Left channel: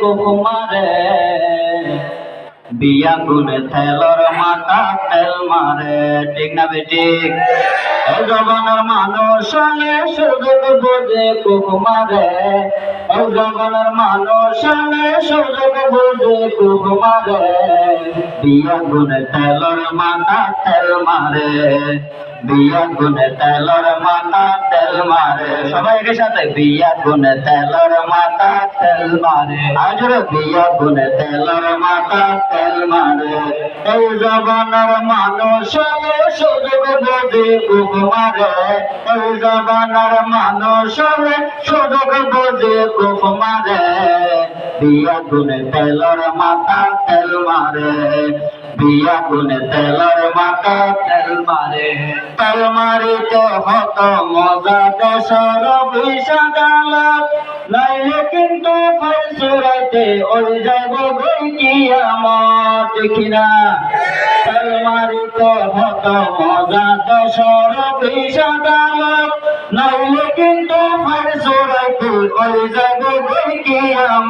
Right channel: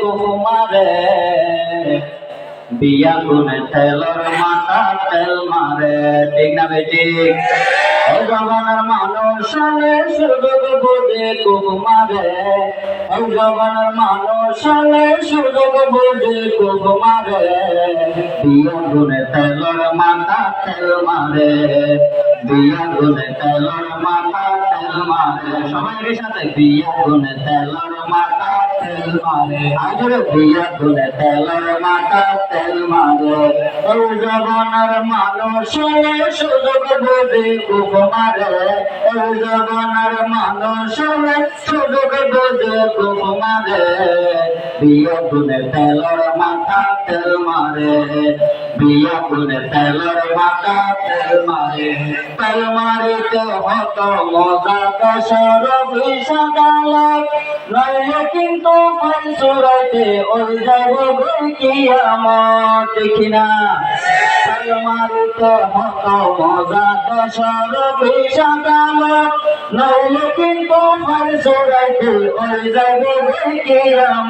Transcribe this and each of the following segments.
কুকুমারে বিয়া গুনে তেলর মাথা তেল মারে। ঠিক না বেঠিক জবানের মানুষ সুযোগ বোঝে জবানের মানুষ সুযোগ বোঝে কুকুমারে বিয়া গুনে তেলর মাথা তেল মারে। বিয়া গুনে তেলর মাথা তেল মারে। সবাই এর সাথে বিয়া গুনে তেলর মাথা তেল মারে। আজরে বিয়া গুনে তেলর মাথা তেল মারে। এই জবানের মানুষ সুযোগ বোঝে কুকুমারে এই জবানের মানুষ সুযোগ বোঝে কুকুমারে বিয়া গুনে তেলর মাথা তেল মারে। বিয়া গুনে তেলর মাথা তেল মারে তেল মারিতে হত মজা দেশর গালাপ নাইলে কিন্তু ওই যাবে আমার? দেখি না। তেল মারিতে হত মজা দেশর গালাপ নাইলে কিন্তু ফাইসুরাতে ওই যাবে বই কি আমার?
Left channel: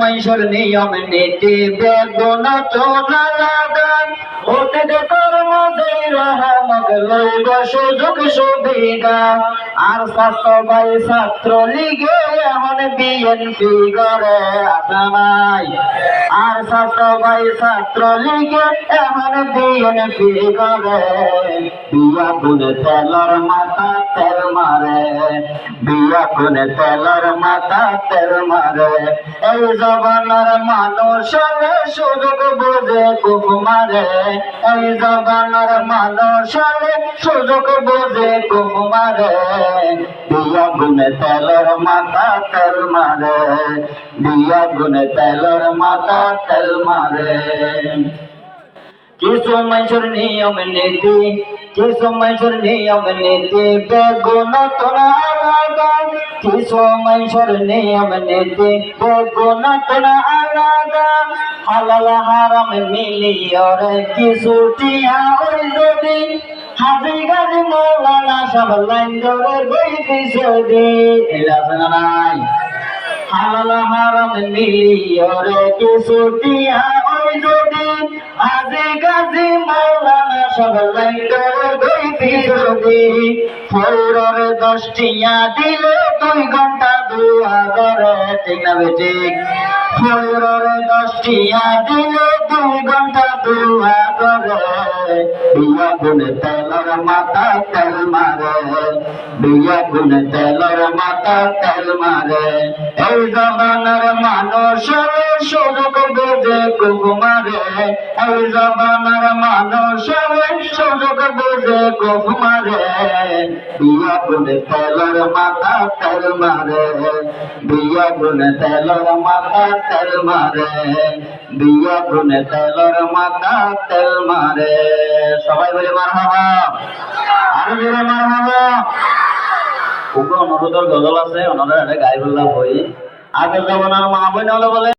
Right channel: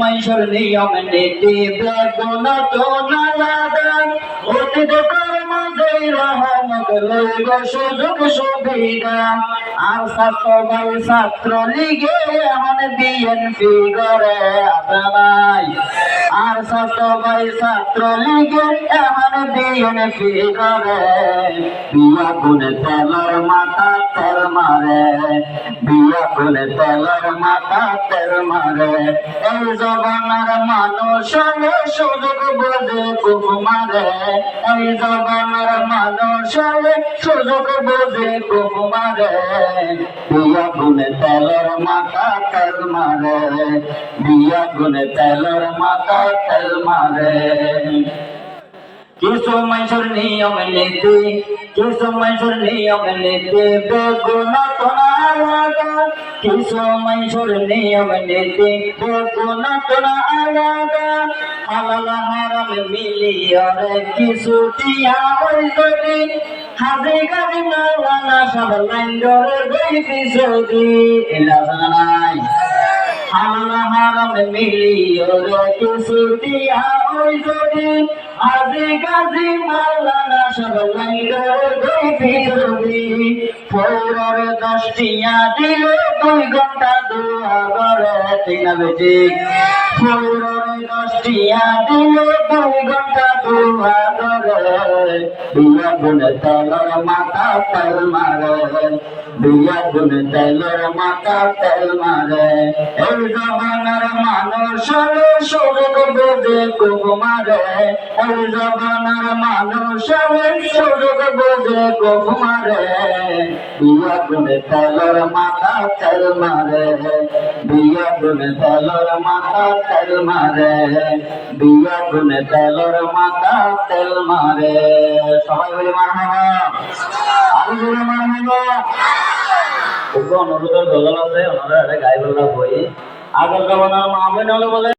মানুষের নিয়ম নীতি বেগুন তো না লাগা অতীত কর্মদের রহমক লইব সুযোগ সুবিধা আর ছাত্র লিগে বিএনপি আর ছাত্র লিগে এমন বিএনপি করে বিয়া গুনে তেলর মাথা তেল মারে, বিয়া গুনে তেলর মাথা তেল মারে। এই জবানার মানুষ হলে সুযোগ বোঝে কুক মারে। এই জবানার মানুষ হলে সুযোগ বোঝে কুক মারে। বিয়া গুনে তেলর মাথা তেল মারে, বিয়া গুনে তেলর মাথা তেল মারে। কিছু মানুষের নিয়ম নীতি কিছু মানুষের নিয়ম নীতি বেগুন তোরা আলাদা কিছু মানুষের নিয়ম নীতি বেগুন তোরা আলাদা হালাল হারাম মিলিয়রে কিছু টিয়া ওই যদি হাজি গাজি মৌলানা সব লাইন ধরে বইতে সদি এলা জানা নাই হালাল হারাম মিলিয়রে কিছু টিয়া যদি আজি গাজি মাওলানা সব লাইন্ডর গইতি যদি ফৌরর দশটিয়া দিলে দুই ঘণ্টা দুয়া করে ঠিক না ফৌরর দশটিয়া দিলে দুই ঘণ্টা বিয়া গুনে তেলর তেল মারে বিয়া গুনে তেলর তেল মারে এই জবানের মানুষ সুযোগ এই সুযোগ বোঝে কুকুমারে বিয়া গুনে তেলর মাথা তেল মারে বিয়া গুনে তেলর মাথা তেল মারে বিয়া গুনে তেলর মাথা তেল মারে সবাই বলে মার আরও মার গজল আছে ওনারা এটা গাই বললাম বই। আগের জমানার মা হলে বলে